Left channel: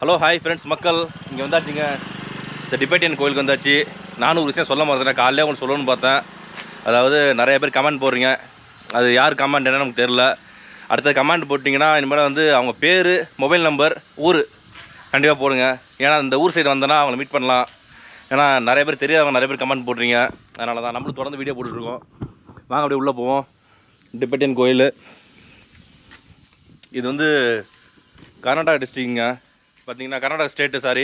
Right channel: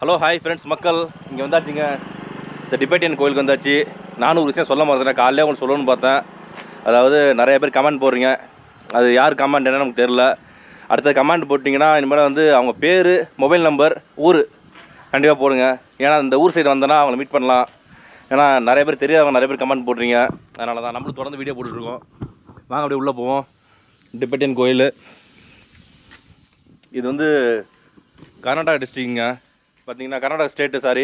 Hello hi friends மக்கள், இங்கே வந்தாச்சுங்க. இந்த டிபேட்டியன் கோயிலுக்கு வந்தாச்சு. நானும் ஒரு விஷயம் சொல்ல மறந்துட்டேன், காலையிலே உங்களுக்கு சொல்லணும்னு பார்த்தேன். அதாவது நிறைய பேர் கமெண்ட் போடுறீங்க, அது யார் கமெண்ட் என்ன நமக்கு தெரில. அடுத்த கமெண்ட் போட்டிங்கன்னா இனிமேல் வந்து அவங்க பேர், மொபைல் நம்பர், ஊர் கண்டிப்பாக போடுங்க. ஏன்னா இந்த ஊர் சைடு வந்தோன்னா அவங்கள மீட் பண்ணலாம். ஏன்னா நிறைய பேர் தெரியாதவங்க நிறைய பேர் கமெண்ட் போடுறீங்க. அதனால தான் நம்மளும் தொடர்ந்து வீடியோ போட்டுட்ருக்கோம். வாங்க அப்படியே உள்ளே போவோம். டிபேட்டியன் கோயில் இது வந்து கர்நாடகா டிஸ்ட்ரிக்ங்க. பார்த்தீங்கன்னா கர்நாடகா ஸ்டேட்டு, சாரி,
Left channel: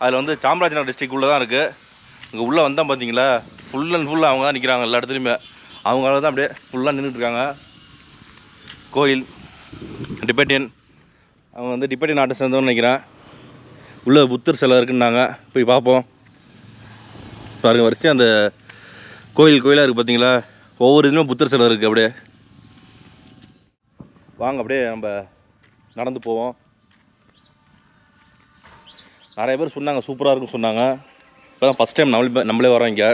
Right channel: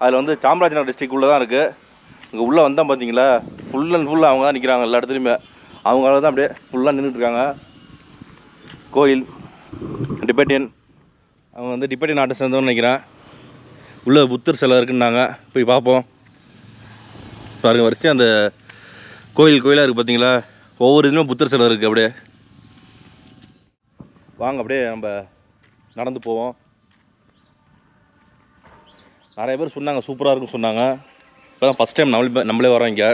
அதில் வந்து சாமராஜநகர் டிஸ்ட்ரிக் உள்ளே தான் இருக்குது. இங்கே உள்ளே வந்தால் பார்த்தீங்களா, ஃபுல் அண்ட் ஃபுல்லாக அவங்க தான் நிற்கிறாங்க. எல்லா இடத்துலையுமே அவங்களால தான் அப்படியே ஃபுல்லாக நின்றுட்டுருக்காங்க. கோயில் டிபேட்டியன், அவங்க வந்து டிபேட்டியன் நாட்டை சேர்ந்தவன்னு நினைக்கிறேன். உள்ளே புத்தர் சிலை இருக்குன்னாங்க, போய் பார்ப்போம். பாருங்க, வரிசையாக அந்த கோயிலாக இருக்குது பார்த்தீங்களா, ஒவ்வொரு இதுலேயும் புத்தர் சிலை இருக்குது. அப்படியே வாங்க அப்படியே நம்ம நடந்து போவோம். நிறைய பேர் சொன்னாங்க சூப்பராக இருக்குன்னு சொன்னாங்க. இப்போ தான் ஃபஸ்ட் டைம் நம்மளே வரோம். இங்கே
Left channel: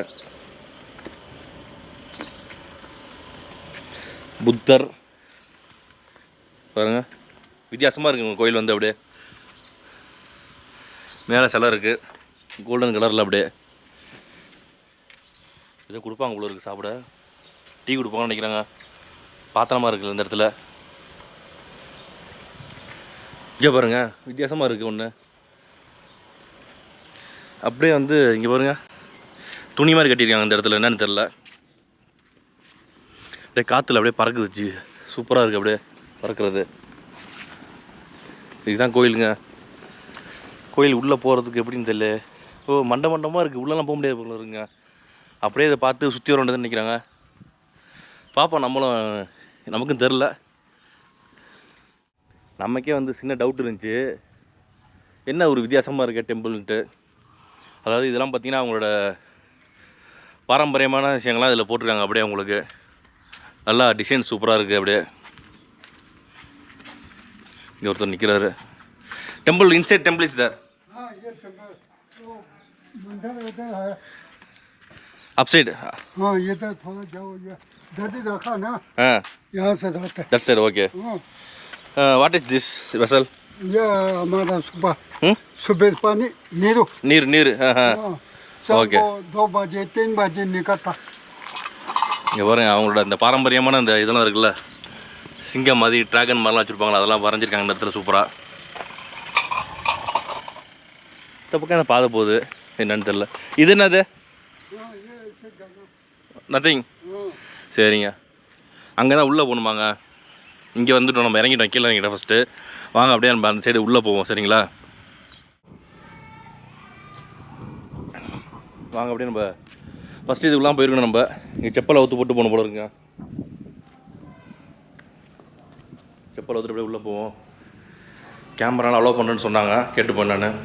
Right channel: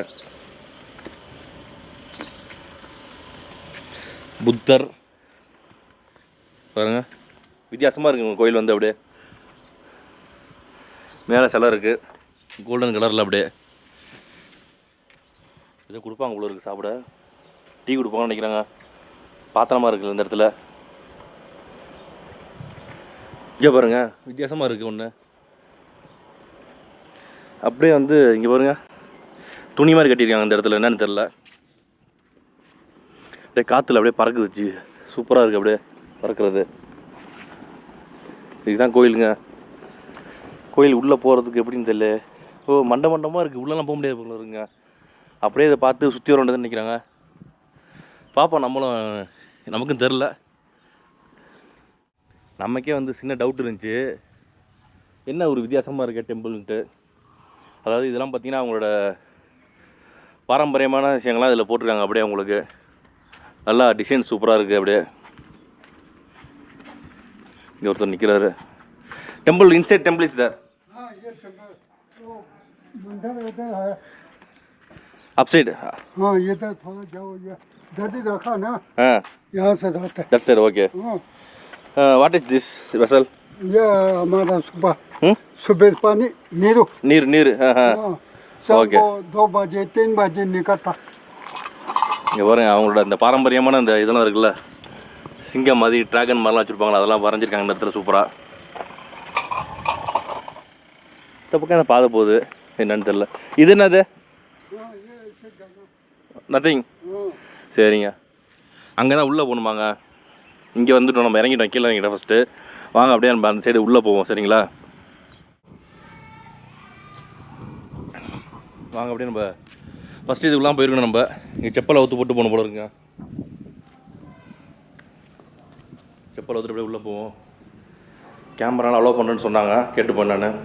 புத்தர் பாருங்க, வித்தியாசமாக இருக்குங்க கோயில் வந்து. அப்படியே மேலே சிலை இருக்குது, கோல்டன் கலரில். அப்படியே இதை கொடுப்பாங்க உள்ள இருக்குது, சாப்பிட டீ கொடுப்பாங்கன்னு நினைக்கிறாங்க. பாத்திரமா இருக்குது இந்த இடத்துல. இங்கே பாருங்கள், வித்தியாசமாக இருக்குது ஒன்று. அப்படியே வந்து இங்கே பாருங்கள், துணி மாதிரி கட்டியிருக்காங்க இந்த இடத்துல, என்னன்னு தெரில. அப்படியே காற்றுல அப்படியே பறக்குதுச்சு, சூப்பராக இருக்குது அப்படியே பறக்கிறது. இதுதான் கோயிலுங்க. கோயில் உள்ளே போகிறதுக்கு எப்படின்னு தெரியல. ஓ, மண்டமாக இருக்குது, உள்ளெல்லாம் போக முடியாது போல இருக்குங்க. அப்படியே இதை பார்த்து சுற்றி வர வேண்டியதுன்னு நினைக்கிறாங்க. பார்ப்போம், நம்மளும் நமக்கும் தெரில. நமக்கே வந்து சின்ன டவுட் இருந்துச்சு, என்ன ஒரு வித்தியாசமாக இருக்க டெம்பிள்ன்ட்டு. அதாவது இதெல்லாம் பார்த்திங்கன்னா அவங்களோட பாரம்பரியமான விஷயங்கள்லாம் இதில் போட்டிருக்காங்க. அப்படியே அவங்களுக்கு நல்லா டிசைன் சூப்பராக இருக்குது. அப்படியே இங்கே ஒருத்தர் நிற்கிறாரு. Temple inside temple is there. Upside हाँ ये तो थोड़ा जाओ, ये दादी रखा ना, हाँ यहाँ से जाते हैं। That's it, okay. What is this vessel? ये हमारा सुबह पानी नीरू நீர். शाम Okay. को 2 बजे 3 बजे निकलता। இங்கே பாருங்க, அவங்களோட அந்த பாரம்பரியமான அந்த இதெல்லாம் இருக்குல்ல, சிங்கம் மாதிரி, ட்ராகன் மாதிரிலாம் வச்சுருப்பாங்களா, அதெல்லாம் வரைஞ்சிருக்காங்க இந்த இடத்துல சூப்பராக. இந்த பக்கம் அந்த பாதை போகுது, என்னன்னு தெரில. இது என்னது? நத்திங். சரிங்க, அங்கே தான் உள்ளே போகணுமாங்க. இங்கே வந்துட்டோம், நம்ம இறங்கிட்டோம், கீழே இறங்கிட்டோம் ஃபஸ்ட்டு. வாங்க அப்படியே நம்ம அந்த சைடு உள்ளே போவோம், சரிங்களா? வாங்க அப்படியே நம்ம ஃபஸ்ட்டு இதுக்குலாம் போயிருக்கணும். நம்ம இங்கே செப்பலை அவுத்து போட்டு போகணும் போல இருக்குங்க. செப்பல் அவுத்துட்டு அப்படியே உள்ளே போவோம். கேமராலாம் அலோவ் பண்ணுறேன்னு சொன்னாங்க, கேட்டு போனேன் நான்.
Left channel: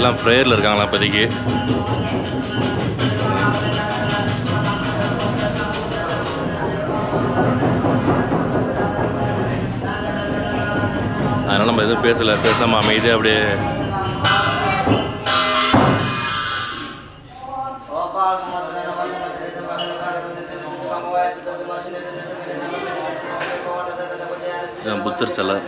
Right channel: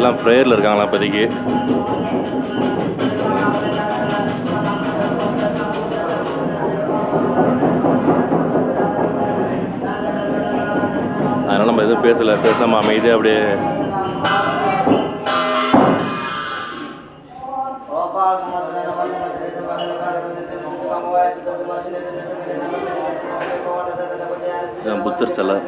எல்லாம் ப்ரேயரில் இருக்காங்களா இப்போதைக்கு. அதனால் நம்ம எதுவும் பேசாமல் அமைதியாக அப்படியே புத்தர் சிலை.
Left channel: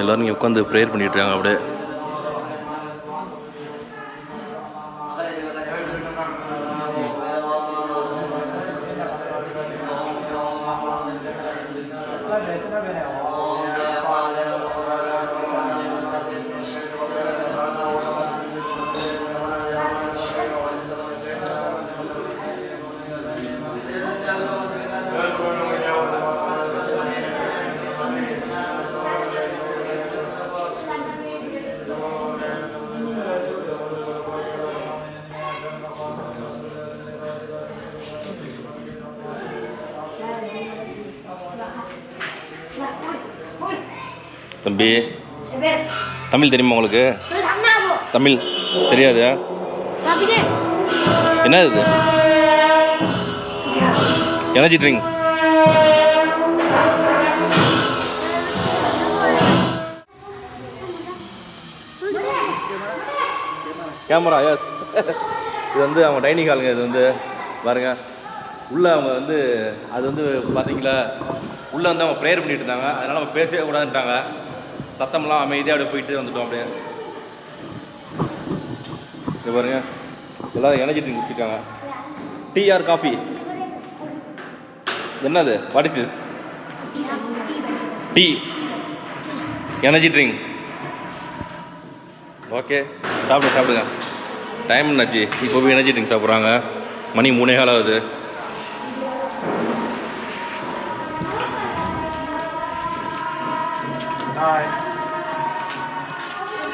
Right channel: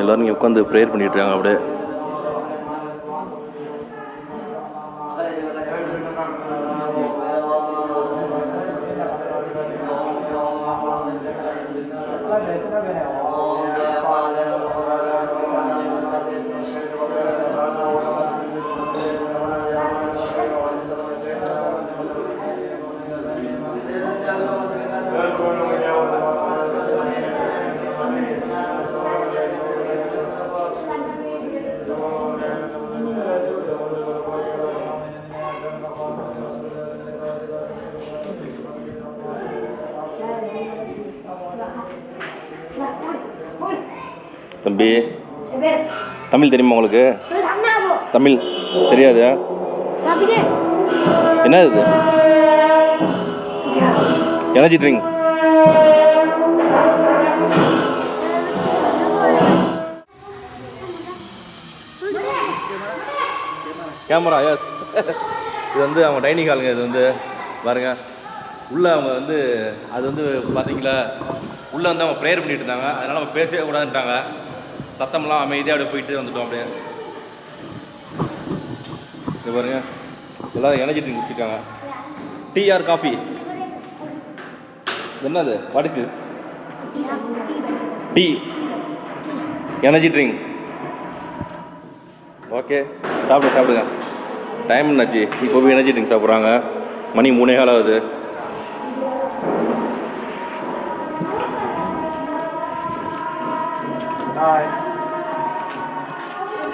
எல்லோரும் இங்கே உட்காந்து ப்ரேயர் பண்ணிகிட்ருக்காங்க. அப்படியே தம்பி தமிழ் தெரியுமா உங்களுக்கு? தமிழ் தெரியாது. என்ன இது? Energy drink. Camera yes. இது வந்து அவங்க டைனிங் ஹாலுங்க. இது வந்து பாருங்க உள்ளே அவங்க வந்து அது வந்து பார்த்தீங்களா உள்ளே வந்து அவங்க ப்ரேயர் பண்ணிட்டு இருந்தாங்க. அதனால் அவங்க பேசவே கூடாதுன்ட்டாங்க. சத்தம்லாம் அமைதியாக அப்படியே போயிட்டு வந்துட்டோம். அப்படியே இது பாருங்க எல்லோரும் எனர்ஜி ட்ரிங்க் குடிச்சிருக்காங்க. Tea or coffee? என்னது? What is this? Tea energy drink. Okay சாப்பிடுங்க. டைம் என்னாச்சு? இப்போ போய் எனர்ஜி ட்ரிங்க் சாப்பிட்றாங்க. மணி 3:15 ஆகுது.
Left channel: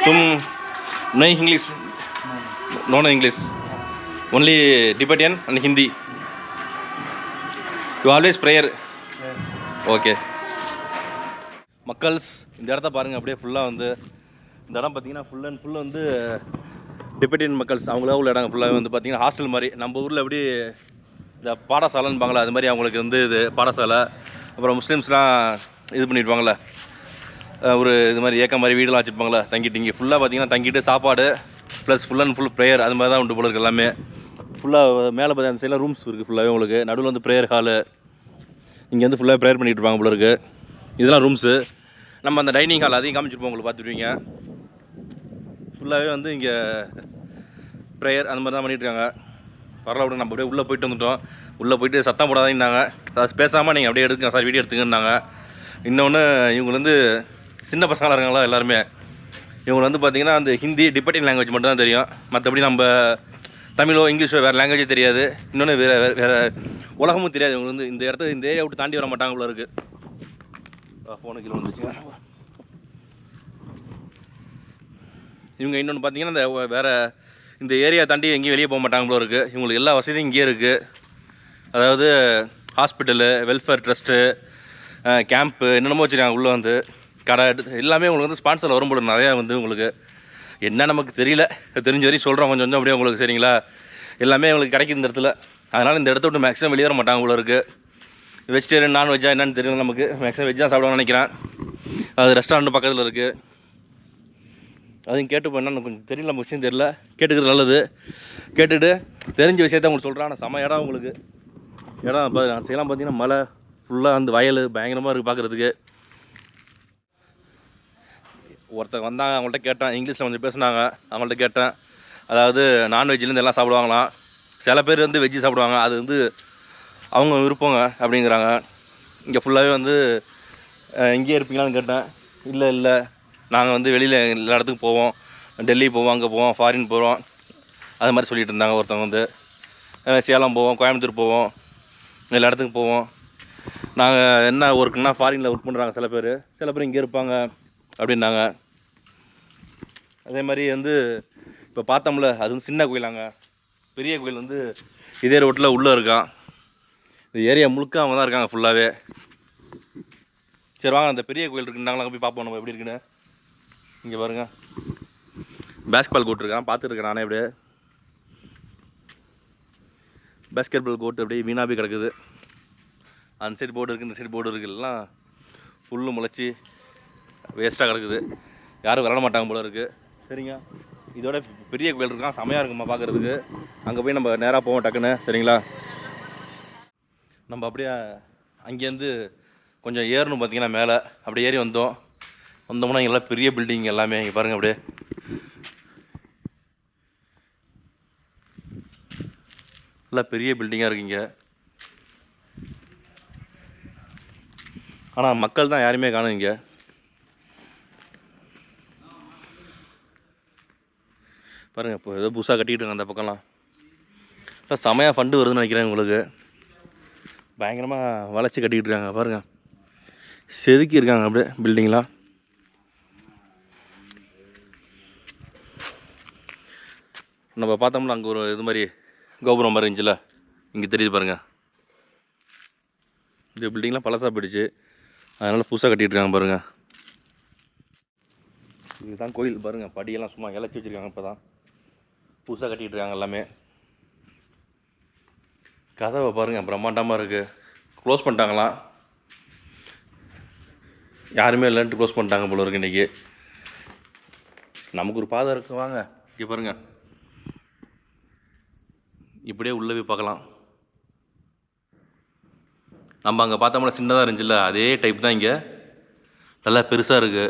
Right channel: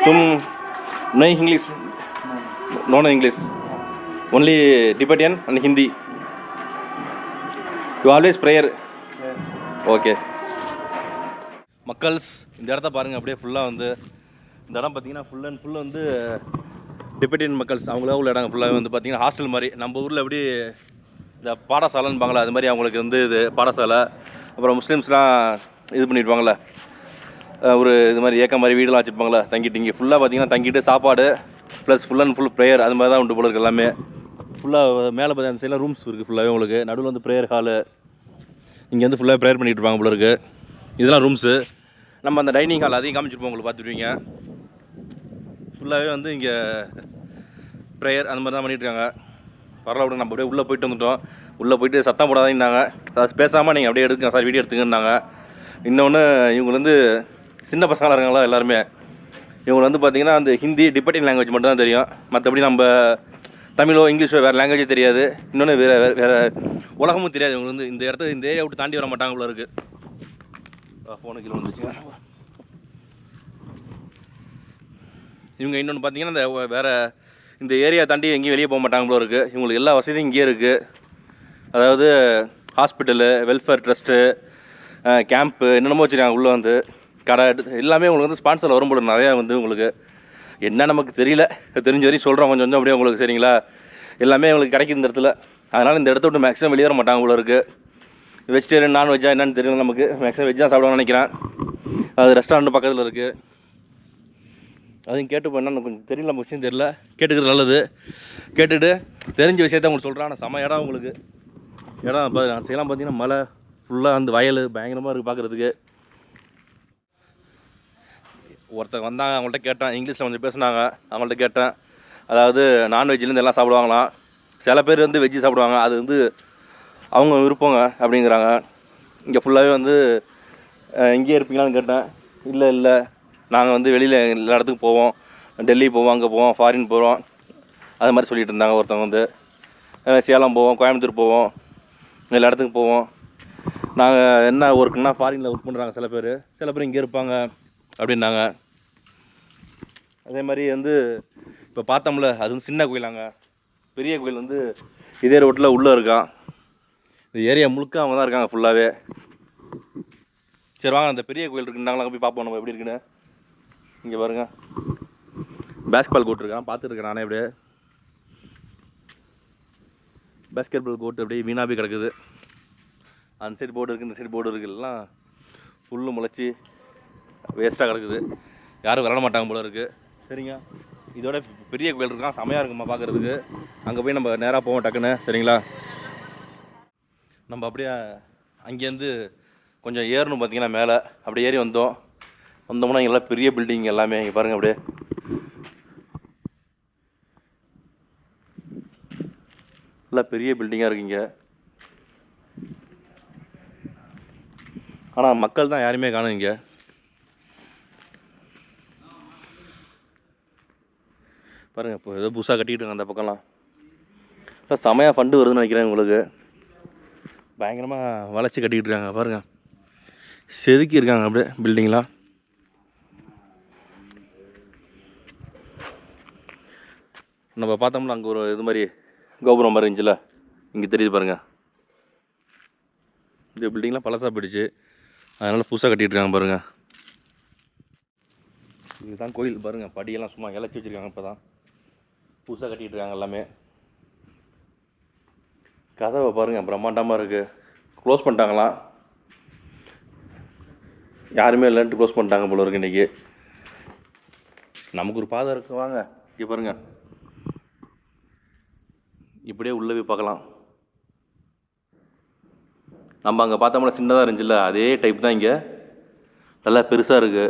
तुम नहीं English? No English, only Tibetan and Hindi. You always prayer? Okay மக்கள்ஸ், இந்த இடத்த பாருங்கள். அப்படியே ஃபுல்லாக வந்து இந்த இடம் பார்த்தீங்கன்னா ஃபுல் அண்ட் ஃபுல் வந்து டிபெட்டியன் மக்கள்ஸ் அவங்கள உள்ள இடம் ஃபுல்லாக வந்து பார்த்தீங்கன்னா ஹாஸ்டல் மாதிரி. நம்ம ஊரில் எப்படி இந்த பாடசாலைன்னு பாங்களா, அது மாதிரி அவங்களுக்கு வந்து இது பாடசாலை. அப்புறம் முஸ்லீம்ஸ்லாம் இது பண்ணியிருப்பாங்களே ஒரு இது மாதிரி ஏக்க மாதிரி வீடெலாம் வச்சுருப்பாங்களே தங்கிட்டு. இங்கே ஃபுல்லாக பார்த்தீங்கன்னா தங்கிட்டு சாப்பாடு plus full and full prayer அது மாதிரி தான் உண்டு போல இருக்குது எல்லாமே. ஃபுல்லாக மேலே பார்த்தா அந்த சைடில் ரூம்ஸ் இருக்குது ஃபுல்லாகவே உங்களுக்கு. நடுவில் வந்து ப்ரேயர் ஹாலு. இங்கே வந்து ஃபுல்லாக ப்ரேயர் பண்ணிகிட்டு இருப்பாங்க போல இருக்குது. இதெல்லாம் ரூம்ஸு. நம்ம அந்த டைனிங் ஹால் அதையும் காமிச்சிருப்போம் உங்களுக்கு, பார்த்துருவீங்க. ஃபுல்லாகவே வந்து இங்கே ப்ரேயர் அந்த மாதிரி தான் பண்ணிகிட்ருக்காங்க. பரவாயில்ல விட நம்ம அப்படியே உள்ளே போயிட்டு வந்துட்டோம். உள்ளே போயிட்டு சத்தம் போடாதீங்கன்னாங்க. அது பேசாமல் நீங்கள் அப்படியே எடுத்துங்க சார், வீடியோ எடுத்துங்கன்னாங்க. இன்னொன்று இவங்க வந்து சின்ன பசங்களாக இருக்காங்களா எல்லாருமே, இவங்க வந்து பார்த்திங்கன்னா அந்த ஹிந்தி டிபெட்டியன் லாங்குவேஜ் மட்டும் தான் தெரியும். மற்றபடி நம்ம தமிழோ இங்கிலீஷோ வேறு லாங்குவேஜே தெரியாது. இன்னொன்று வேறு உலகமும் தெரியாது. இவங்க வந்து இந்த இடத்த இந்த ஏரியா விட்டு தாண்டி வர மாட்டாங்க போல இருக்குது. ஃபோனு கிலோ வந்துச்சுங்க. இவங்க இன்னொன்று பார்த்தீங்கன்னா இந்த வேறு இந்த ஏரியா தாண்டி எங்கேயும் வெளியே போக மாட்டாங்க போல இருக்குது. இவங்களுக்கு எல்லா வசதியும் இங்கேயே இருக்குது. அதாவது ஹாஸ்பிட்டலு, வெல்ஃபேர் ட்ரஸ்ட்டு, கேம்ப்பு என்னென்னமோ வச்சுருக்காங்க. உள்ளே வந்து கடை எல்லாமே உங்களுக்கு வந்து ஸ்பான்சர் வரும்போது நிறையா வந்து உங்களுக்கு என்ன நமக்கு தெரியல, தெரிஞ்ச வரையும் சொல்கிறோம் கொஞ்சம் கொஞ்சம் அப்படியே உங்களுக்கு. சரிங்களா? எல்லாமே உங்களுக்கு கிடைக்கும் இந்த இடத்துல. அதனால் இந்த இடத்த விட்டு மேக்ஸிமம் வெளியே வர மாட்டாங்க போல இருக்குது. வெஜிடேரியன் நான்வெஜ்ஜா என்னென்னு தெரியல நமக்கு. மேக்ஸிமம் வெஜ்ஜாக சாப்பிடுவான்னு நினைக்கிறேன். அது ரெஸ்டாரண்ட் பக்கத்தில் இருக்குது. அதையும் கேட்டுப்போம். என்னென்னு கொஞ்சம் தெரியல, நம்ம விஷயம் தெரியல. கேட்டுக்கிறது நல்லது. கேட்டுட்டு தெரிஞ்ச விஷயத்த உங்களுக்கு சொல்கிறேன். ஆனால் செம இடம் உங்களுக்கு. இடம் செய்யலாம் பார்த்தீங்கன்னா மலை ஃபுல்லாக வந்து வயல் பயங்கரமாக இருக்குது பார்க்குறதுக்கு. ஒருத்தர் வந்தாங்க, அவங்கள்ட்ட கேட்டேன். இங்கிலீஷில் கொஞ்சம் பேசுனாங்க. அவங்கள்ட்ட கேட்டேன், அதாவது நான்வெஜ்லேருந்து எல்லாம் சாப்பிடுவாங்களாம். சில பேர் வந்து வெஜ்ஜு சாப்பிடுவாங்க. அது வந்து அவங்க விருப்பங்க அப்படிங்கிறாங்க. இங்கே ஃபுல்லாகவே வந்து இங்கேயே இருப்பீங்களான்னு கேட்டேன். இல்லை நாங்கள் வந்து வெளியில் எல்லா இடத்துக்கும் போவோம். டெல்லி போவோம், அங்கே போவோம், ஃபாரின் போகிறோம், அது மாதிரி சொல்லிட்டு இருந்தாங்க. ஒருத்தவங்க வந்து சேலம் போவோம், கோயம்புத்தூர் போவோம், எல்லா இடத்துக்கும் போவோம். நாங்கள் என்ன ஒர்க்குன்னா ஃபாரினில் ஒர்க் பண்ணுறாங்க சில பேர் இங்கே இருப்பாங்க அப்படின்னாங்க. அதே மாதிரி வந்து இப்போ பார்த்தோம்ல, அது வந்து சின்ன கோயிலாங்க. பெரிய கோயில் வந்து இதே ரோட்டில் உள்ளே இருக்கான். இந்த ஏரியா முழுக்க அவங்க தான் இருக்காங்க ஃபுல்லாகவே. சரி வாங்க, அந்த பெரிய கோயில் இருக்குன்னாங்களா, போய் பார்ப்போம் நம்ம எப்படி இருக்குன்னு. இங்கே பாருங்கள், பேஸ்கெட் பால் கோர்ட் இருக்கான். பார்த்துருக்கேன் நானே. அப்படியே பேஸ்கெட் பால் கோர்ட் அப்படியே வீணாக போய் கிடக்குது. அந்த சைடு போர்டு இருக்குது, இந்த சைடு போர்டு இருக்குது. எல்லாம் புல்லு முளைச்சி வேஸ்ட்டாக கிடக்குது. யாரும் விளாட மாட்டாங்க போல இருக்குது. சரிங்க, இதோட பெரிய கோயில் இருக்கான். செமையாக இருக்குமா பார்க்குறதுக்கு. அங்கே போய் நம்ம நேராக போவோம் டக்குன்னு. சரிங்களா? நம்ம அப்படியே அங்கேருந்து கொஞ்சம் ஏறணும் பார்த்தீங்கன்னா மேலே. அப்படியே ஏறி வந்தோம்னா இங்கெல்லாம் பெரிய பில்டிங் எல்லாமே. இங்கே பாருங்கள், அப்படியே எல்லாம் பெரிய பில்டிங்காக இருக்குங்க. ஆனால் மக்கள் தான் யாருமே காணும் இங்கே. பாருங்கள், இப்போ ஏதோ புதுசாக கட்டிக்கிட்டு இருக்காங்க அந்த பக்கம்லாம். இல்லை செமையாக ஃபண்டு வருதுன்னு நினைக்கிறேன் உங்களுக்கு. பயங்கரமாக வளைச்சி கட்டிக்கிட்டு இருக்காங்க. பாருங்கள், செதுக்கி இருக்காங்க அப்படியே பில்டிங்லாம். நம்ம பார்த்தோம்னா அங்கே ஒரு இது மாதிரி கோபுரம் மாதிரி இருந்துச்சுல, இங்கே தெரியுது பாருங்கள். இந்த பில்டிங்லாம் பழசாக போயிடுச்சு, அதனால் புதுசாக கட்டிகிட்டு இருக்காங்க பாருங்கள். இதுதான் கோயில் பாருங்கள், படியெல்லாம் சும்மா இழைச்சி வச்சுருக்காங்க. இப்போ தான் புதுசாக கட்டிகிட்டு இருக்காங்க எல்லாமே. கதவை பாருங்கள், பிரம்மாண்டமாக இருக்குது. க்ளோஸ் பண்ணிட்டாங்களாம், யாருமே இல்லைன்ட்டு க்ளோஸ் பண்ணிட்டாங்க போல இருக்கு இன்றைக்கி. நமக்கு ஒரு பாதை இருக்குது, வாங்க இங்கே பாருங்கள். இப்படியே உள்ளே போய் பார்க்கலாம். நம்ம அங்கே பார்த்தோம்னா சின்னதாக இருந்துச்சுல்ல, அதே டைப் தான் இங்கே. நல்லா பெருசாக இருக்குது.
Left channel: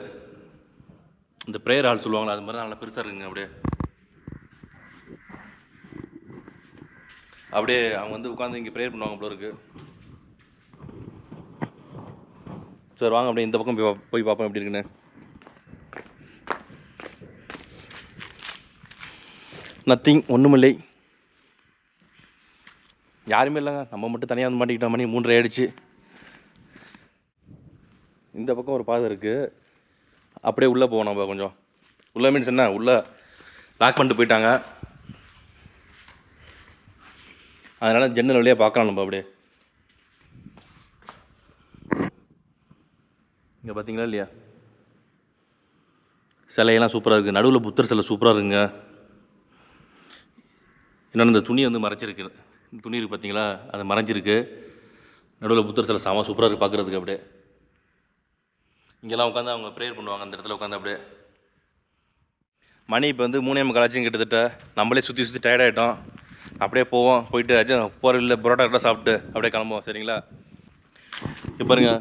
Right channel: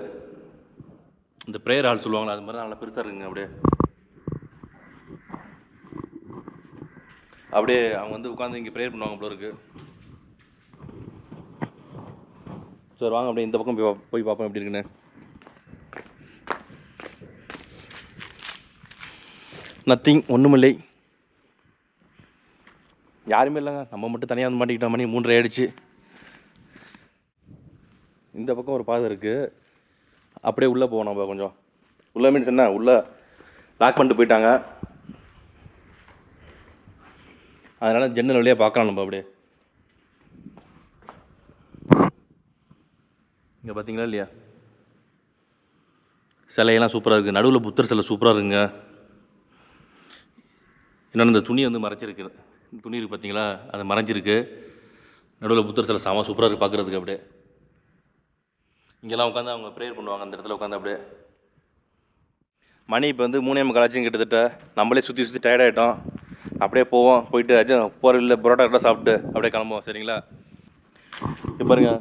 இந்த ப்ரேயர் ஹால் சொல்லுவாங்களா, அது மாதிரி தான் நல்லா பெருசாக இருக்குங்க. அப்படியே அவங்க வந்து உட்காந்து இங்கே ப்ரேயர் பண்ணுவாங்க போல இருக்குது. சார் வாங்க அப்படியே இந்த பக்கம் போய் பார்ப்போம் எப்படி இருக்குன்னு. நத்திங், ஒன்றுமில்லை, யாருமே இல்லைங்க. நம்ம மட்டும் தனியாக வந்து மாட்டிக்கிட்டோம். மணி 3:30 ஆகிடுச்சு. இந்த பக்கம் ஒரு பாதை இருக்குது, அப்படியே உள்ளே போவோம் நம்ம. கொஞ்சம் உள்ளே மீன்ஸ் என்ன, உள்ளே லாக் பண்ணிட்டு போயிட்டாங்க. அதனால் ஜன்னல் வழியாக பார்க்கலாம் நம்ம. அப்படியே இங்கே பார்த்தீங்களா இல்லையா, சிலையெல்லாம் சூப்பராக இருக்குது. நடுவில் புத்தர் சிலை சூப்பராக இருக்குங்க. இன்னொன்று இந்த துணி வந்து மறைச்சிருக்கு. துணி இருக்குது பார்த்தீங்களா, அது மறைஞ்சிருக்கு. நடுவில் புத்தர் சிலை சாமா சூப்பராக இருக்குது பார்க்குறதுக்கு. அப்படியே இங்கெல்லாம் உட்காந்து அவங்க ப்ரேயர் பண்ணுவாங்க அந்த இடத்துல உட்காந்து. அப்படியே மணி இப்போ வந்து 3:45 ஆச்சுன்னு கிட்டத்தட்ட. நம்மளே சுற்றி சுற்றி டயர்டாகிட்டோம். அப்படியே போவோம், போயிட்டு ஆச்சும் போகிற இல்லை பரோட்டா கரெக்டாக சாப்பிட்டு அப்படியே கிளம்புவோம். சரிங்களா? இப்போ பாருங்க,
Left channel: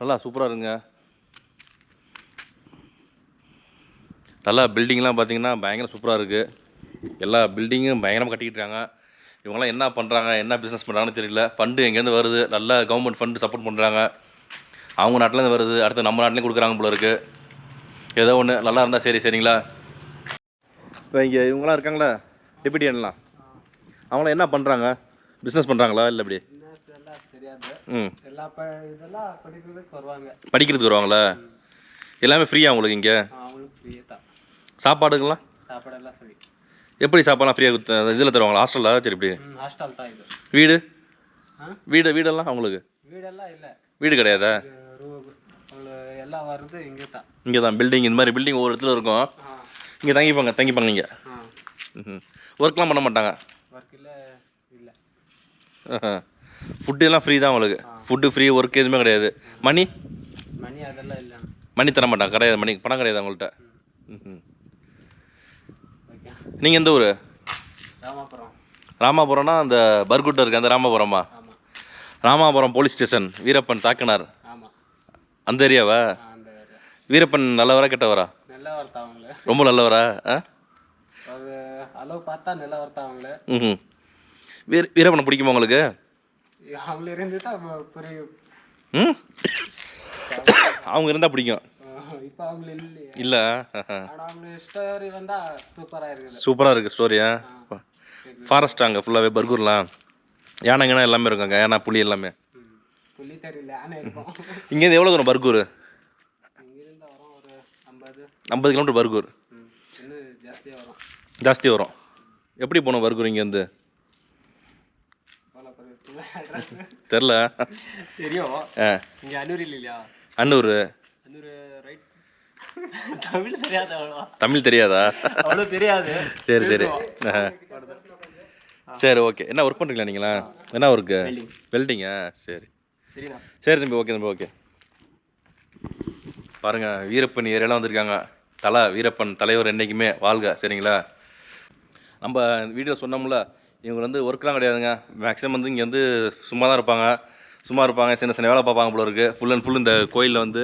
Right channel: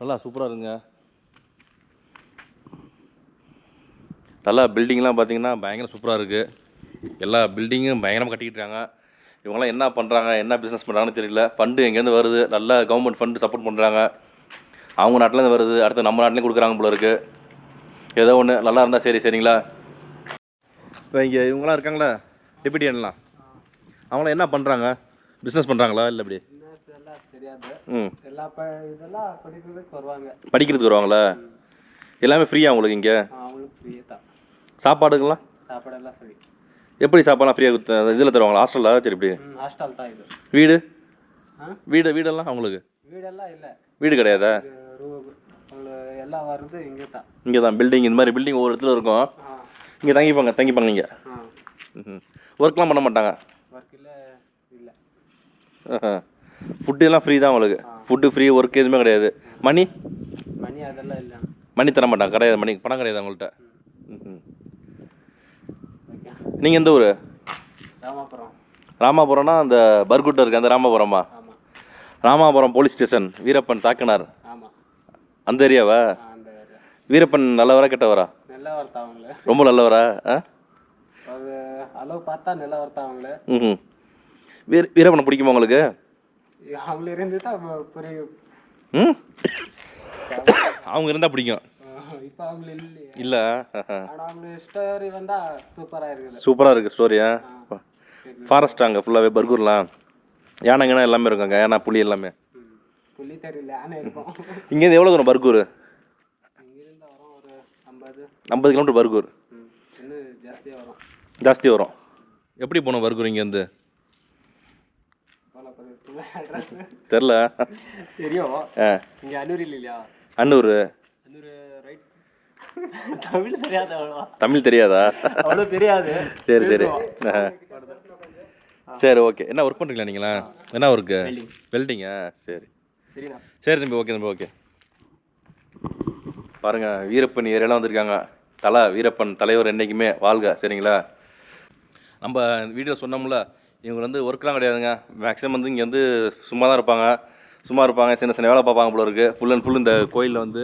நல்லா சூப்பராக இருக்குங்க. நல்லா பில்டிங்லாம் பார்த்தீங்கன்னா பயங்கர சூப்பராக இருக்குது. எல்லா பில்டிங்கும் பயங்கரமாக கட்டிக்கிட்டு இருக்காங்க. இவங்கெல்லாம் என்ன பண்ணுறாங்க, என்ன பிஸ்னஸ் பண்ணுறாங்கன்னு தெரியல. ஃபண்டு எங்கேருந்து வருது, நல்லா கவர்மெண்ட் ஃபண்டு சப்போர்ட் பண்ணுறாங்க. அவங்க நாட்டிலேருந்து வருது, அடுத்து நம்ம நாட்டிலையும் கொடுக்குறாங்க போல இருக்குது. ஏதோ ஒன்று நல்லா இருந்தால் சரி. சரிங்களா? இப்போ இங்கே இவங்களாம் இருக்காங்களா, டெபியூட்டியன்லாம், அவங்களாம் என்ன பண்ணுறாங்க, பிஸ்னஸ் பண்ணுறாங்களா இல்லை எப்படி? படிக்கிறதுக்கு வருவாங்களா? எல்லாமே ஃப்ரீயா உங்களுக்கு இங்கே? சாப்பாடுங்களாம் எப்படி? சாப்பாடுலாம் ஃப்ரீயாக இதில் தருவாங்களா, ஹாஸ்டலில்? சரி, இப்படி ஹாஸ்டல் தான் இது. வீடு வீடெல்லாம் அவங்களுக்கு? வீடெல்லாம் இல்லை, வீடு கிடையாதா? எல்லாம் வருது இங்கே தான். இங்கே தான் பில்டிங், இந்த மாதிரி பில்டிங் ஒவ்வொரு இடத்துல இருக்கும். இங்கே தங்கிப்பாங்க நீங்கள்? ஒர்க்லாம் பண்ண மாட்டாங்க? ஒர்க் இல்லை. ஃபுட்டு எல்லாம் ஃப்ரீ தான் உங்களுக்கு? ஃபுட்டு ஃப்ரீ, ஒர்க் எதுவுமே கிடையாது? மணி அதெல்லாம் இல்லை. மணி தர மாட்டாங்க, கிடையாது. மணி பணம் கிடையாது அவங்கள்ட்ட. நீங்கள் எந்த ஊர்? ராமாபுரம். ராமாபுரம்னா அந்த பர்குட்டை இருக்குது அந்த ராமாபுரமா? ராமாபுரம் போலீஸ் ஸ்டேஷன், வீரப்பன் தாக்கினார் அந்த ஏரியாவா? வீரப்பன் நல்லவரா கெட்டவரா? நல்லவர் தான் அவங்கள. ரொம்ப நல்லவரா? அளவு பார்த்தா நல்லவர் தான் அவங்கள. வீரப்பனை பிடிக்குமா உங்களுக்கு? அவங்கள இருந்து தான் புரியும். அவங்க இருந்தால் பிடிக்கும். இப்போ அவங்க இல்லை. இல்லை, அவங்க ஸ்டோரி வந்தால் சூப்பராக இருக்குது. சூப்பராக இருக்குது ஸ்டோரியா? ஃபாரஸ்ட் அங்கே ஃபுல்லாகவே பர்கூர்லாம் யானைங்கன்னா எல்லாமே இருக்காங்க. யானை, புலி எல்லாமே. புலி தெரியல, யானை இருக்கும். இங்கேருந்து எவ்வளோ தூரம் பர்கூர்? இங்கிருந்து வரும் ஒரு 50 கிலோமீட்டர் பர்கூர். இன்னும் ஜாஸ்தி வரும். எப்படி போகணும் பர்கூர் இங்கேருந்து? தெரில. தெரியும். இங்கே அன்னூர் இல்லையா? அன்னூர் ரைட். தமிழ் தெரியாது அவ்வளோ. தமிழ் தெரியாதா? அவ்வளோ தெரியாது. சரி சரி சரி, ஓகே. என்ன ஒர்க் பண்ணுறீங்களா நீங்களா? என்ன ஒர்க்கு? வெல்டிங்கா? சரி சரி தம்பி, ஓகே தம்பி, ஓகே. பாருங்கள், வீரப்பன் ஏரியாலாம் வந்திருக்காங்க. வீரப்பன் தலைவர் என்றைக்குமே வாழ்க. சரிங்களா? நம்ம வீடியோ சொன்னோம்ல, இவங்க வந்து ஒர்க்லாம் கிடையாதுங்க. மேக்ஸிமம் வந்து இங்கே வந்து சும்மா இருப்பாங்க, சின்ன சின்ன வேலை பார்ப்பாங்க போல இருக்குது. ஃபுல் அண்ட் ஃபுல் இந்த கோயிலில் வந்து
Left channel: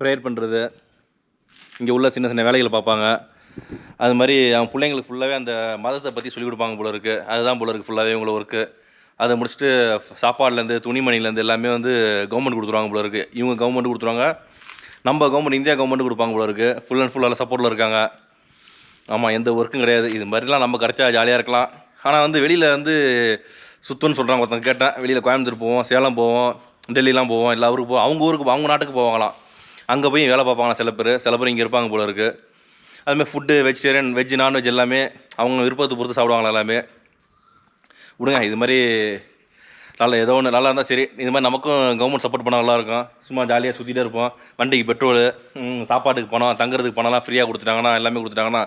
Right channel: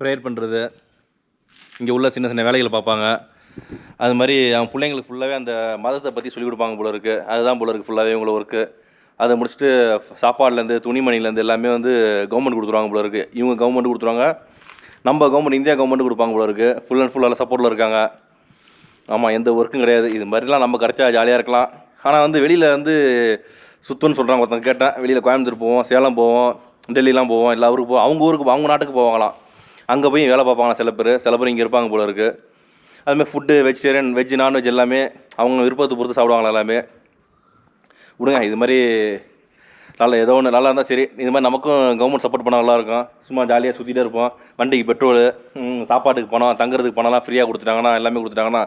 ப்ரேயர் பண்ணுறது, இங்கே உள்ள சின்ன சின்ன வேலைகளை பார்ப்பாங்க. அது மாதிரி அவங்க பிள்ளைங்களுக்கு ஃபுல்லாகவே அந்த மதத்தை பற்றி சொல்லிக் கொடுப்பாங்க போல இருக்குது. அதுதான் போல இருக்குது ஃபுல்லாகவே இவங்கள ஒர்க்கு. அதை முடிச்சுட்டு சாப்பாடுலேருந்து துணிமணிலேருந்து எல்லாமே வந்து கவர்மெண்ட் கொடுத்துருவாங்க போல இருக்குது. இவங்க கவர்மெண்ட் கொடுத்துருவாங்க, நம்ம கவர்மெண்ட் இந்தியா கவர்மெண்ட் கொடுப்பாங்க போல இருக்குது. ஃபுல் அண்ட் ஃபுல்லாக சப்போர்ட்டில் இருக்காங்க. ஆமாம், எந்த ஒர்க்கும் கிடையாது. இது மாதிரிலாம் நம்ம கிடச்சா ஜாலியாக இருக்கலாம். ஆனால் வந்து வெளியில் வந்து சுத்தம்னு சொல்கிறாங்க. ஒருத்தங்க கேட்டேன், வெளியில் கோயம்புத்தூர் போவோம், சேலம் போவோம், டெல்லிலாம் போவோம், எல்லா ஊருக்கு போவோம். அவங்க நாட்டுக்கு போவாங்களாம். அங்கே போய் வேலை பார்ப்பாங்களா சில பேர் இங்கே இருப்பாங்க போல இருக்குது. அதுமாதிரி ஃபுட்டு வெஜிடேரியன், வெஜ், நான்வெஜ் எல்லாமே அவங்க விருப்பத்தை பொறுத்து சாப்பிடுவாங்களா எல்லாமே. விடுங்க, இது மாதிரி நல்லா ஏதோ ஒன்று நல்லா இருந்தால் சரி. இது மாதிரி நமக்கும் கவர்மெண்ட் சப்போர்ட் பண்ணால் நல்லாயிருக்கும். சும்மா ஜாலியாக சுற்றிட்டே இருப்போம். வண்டிக்கு பெட்ரோலு, சாப்பாட்டுக்கு பணம், தங்குறதுக்கு பணம்லாம் ஃப்ரீயாக கொடுத்துட்டாங்கன்னா, எல்லாமே கொடுத்துட்டாங்கன்னா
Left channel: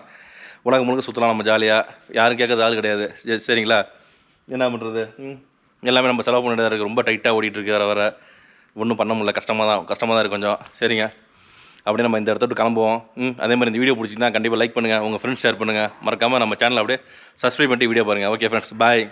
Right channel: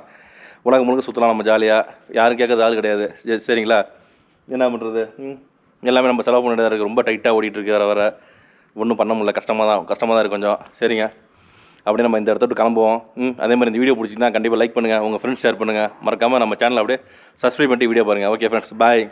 உலகம் முழுக்க சுற்றலாம் நம்ம ஜாலியாக. யாரும் கேட்கறது ஆள் கிடையாது. சரிங்களா? என்ன பண்ணுறது? எல்லாமே நம்ம செலவு பண்ணிட்டு தான் இருக்குது. ரொம்ப டைட்டாக ஓடிட்டுருக்கு. வர ஒன்றும் பண்ண முடியல. கஷ்டமாக தான் இருக்குது கொஞ்சம். சரிங்க, அப்படியே நம்ம இந்த இடத்த விட்டு கிளம்புவோம். அதே மாதிரி இந்த வீடியோ பிடிச்சிங்கன்னா கண்டிப்பாக லைக் பண்ணுங்கள், உங்கள் ஃப்ரெண்ட்ஸ் ஷேர் பண்ணுங்கள். மறக்காமல் நம்ம சேனலை அப்படியே சப்ஸ்கிரைப் பண்ணிட்டு வீடியோ பாருங்கள். ஓகே ஃப்ரெண்ட்ஸ், பாய்.